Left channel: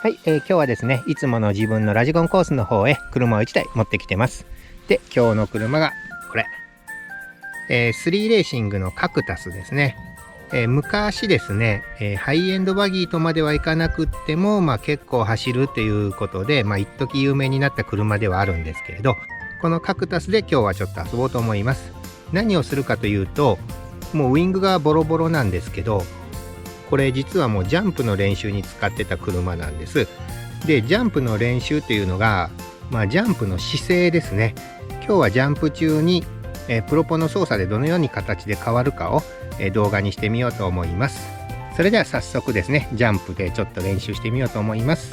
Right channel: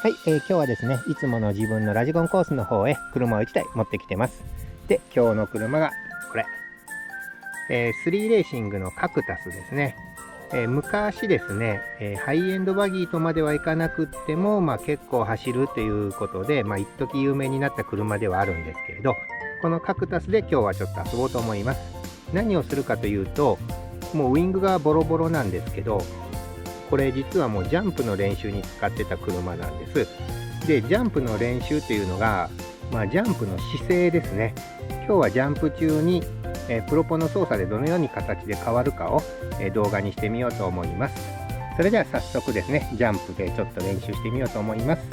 はい、今日はですね、いつもの自分のラジコンコースの方へ車を1台持ってきてます。で、今日の車がこれ、スリーレーシングのカクタスですね。昔ですね、ハイエンドバギーとまではいかなくっても、結構走るということで、一時有名になった車ではあるんですけれど、このカクタスで今日はちょっと遊ぼうと思います。何をするかというと、もうウィングがボロボロなんですけど、これ実はもうジャンプの練習に使ってた車なんです。で、ジャンプの練習というのが、ジャンプの姿勢ですね。今日はジャンプ中に、プロポの操作でどのように形で変わるかを、動画にしてみようと思います。それでは早速ですね、ジャンプでちょっと練習してみようと思います。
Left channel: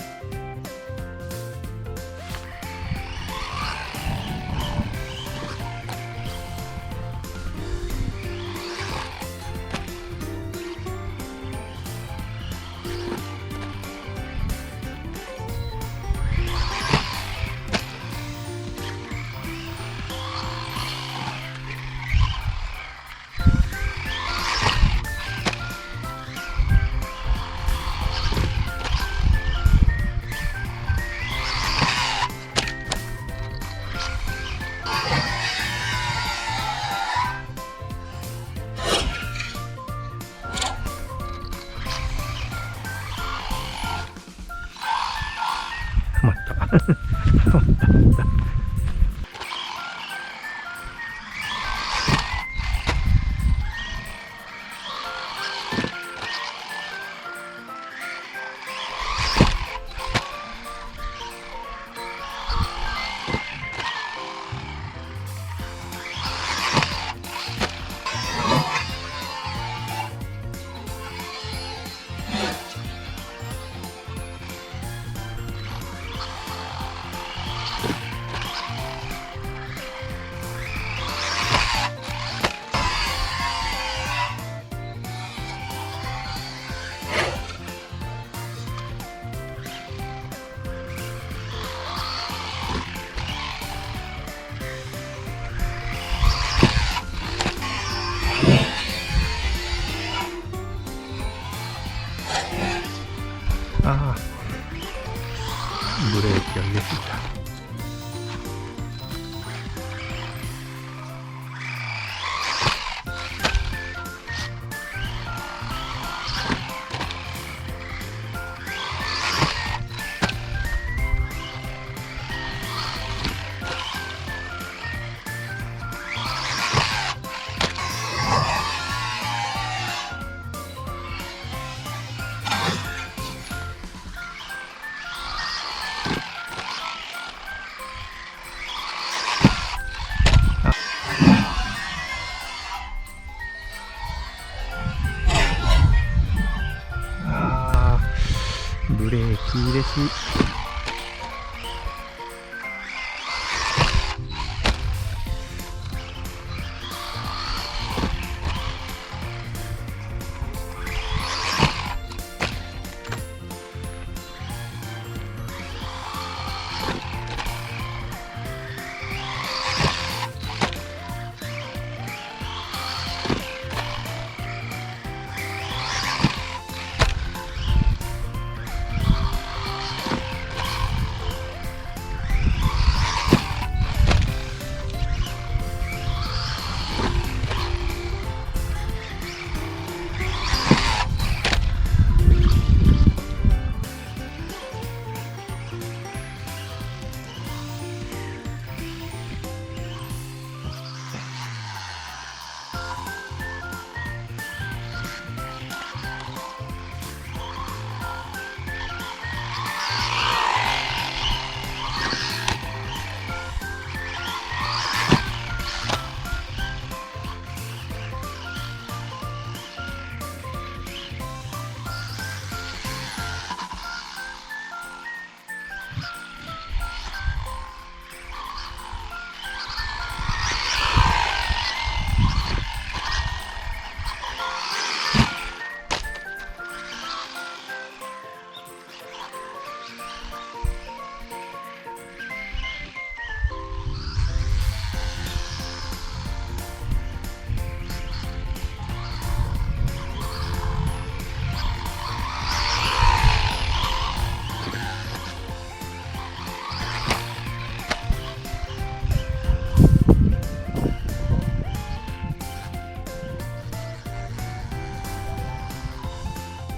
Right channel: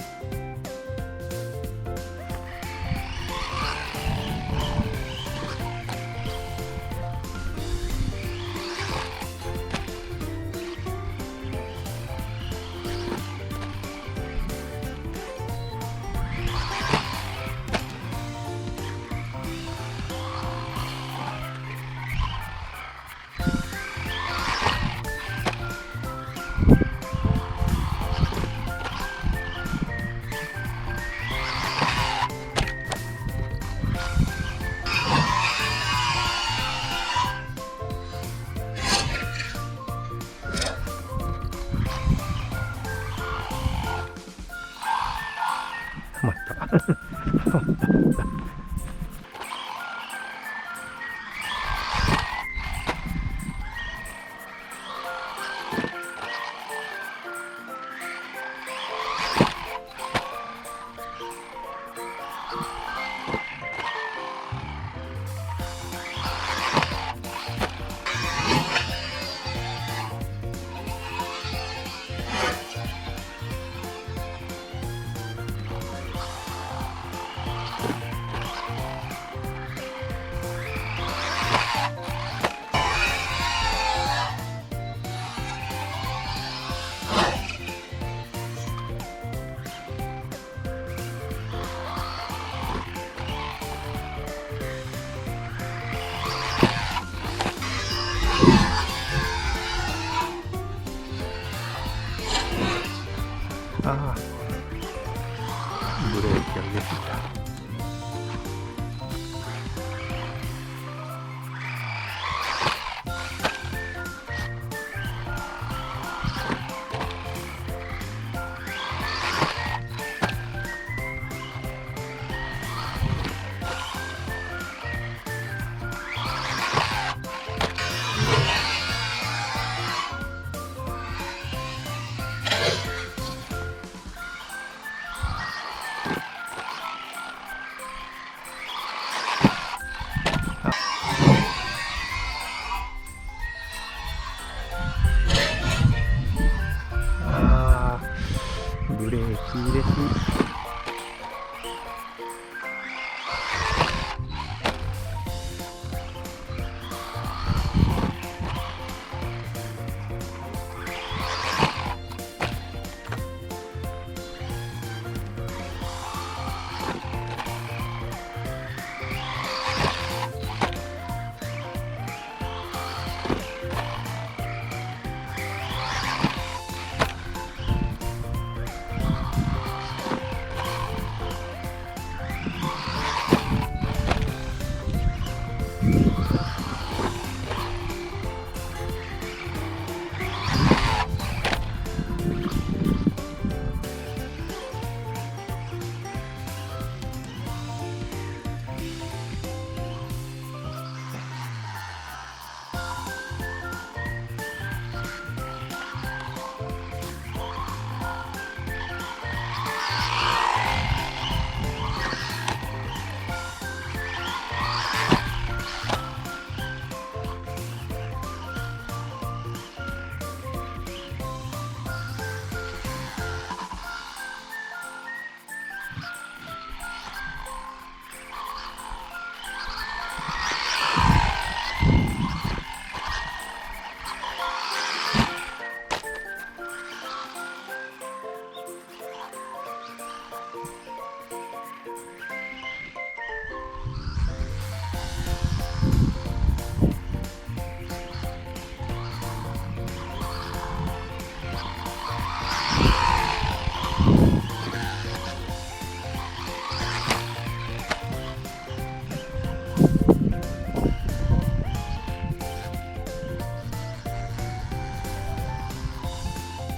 止まった。ああ、ブレーキを入れすぎた。ブレーキ入れすぎ。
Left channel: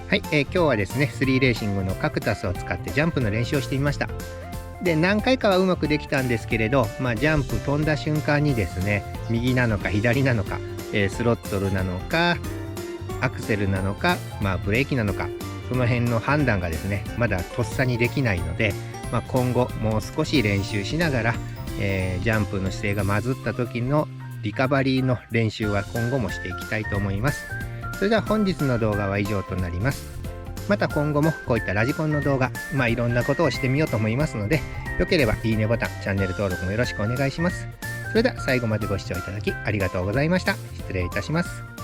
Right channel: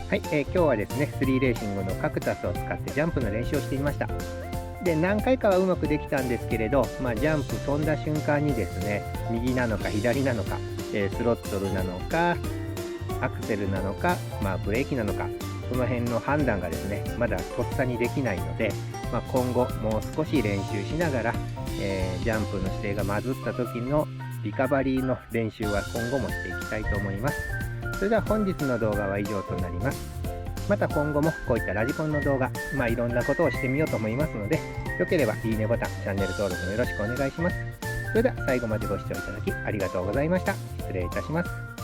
はい、今日はですね、3レーシングのカクタスを使ってジャンプの練習をしてみました。で、何回かはうまくできたんですけれど、ジャンプ飛んだ瞬間にですね、右なのか左なのか、スロットルなのか、アクセルなのか、ブレーキなのか、その辺の判断がですね、まだとっさにできないので、今後もう少し練習しながら、ジャンプの姿勢がまずった時のリカバリーの練習は今後もしていきたいと思います。それでは本日の動画は以上となります。また今後もこういったラジコンの動画、いろんなことをしてみようと思いますので、よければいいねボタン、チャンネル登録もよろしくお願いします。それでは最後までご視聴いただきありがとうございました。失礼いたします。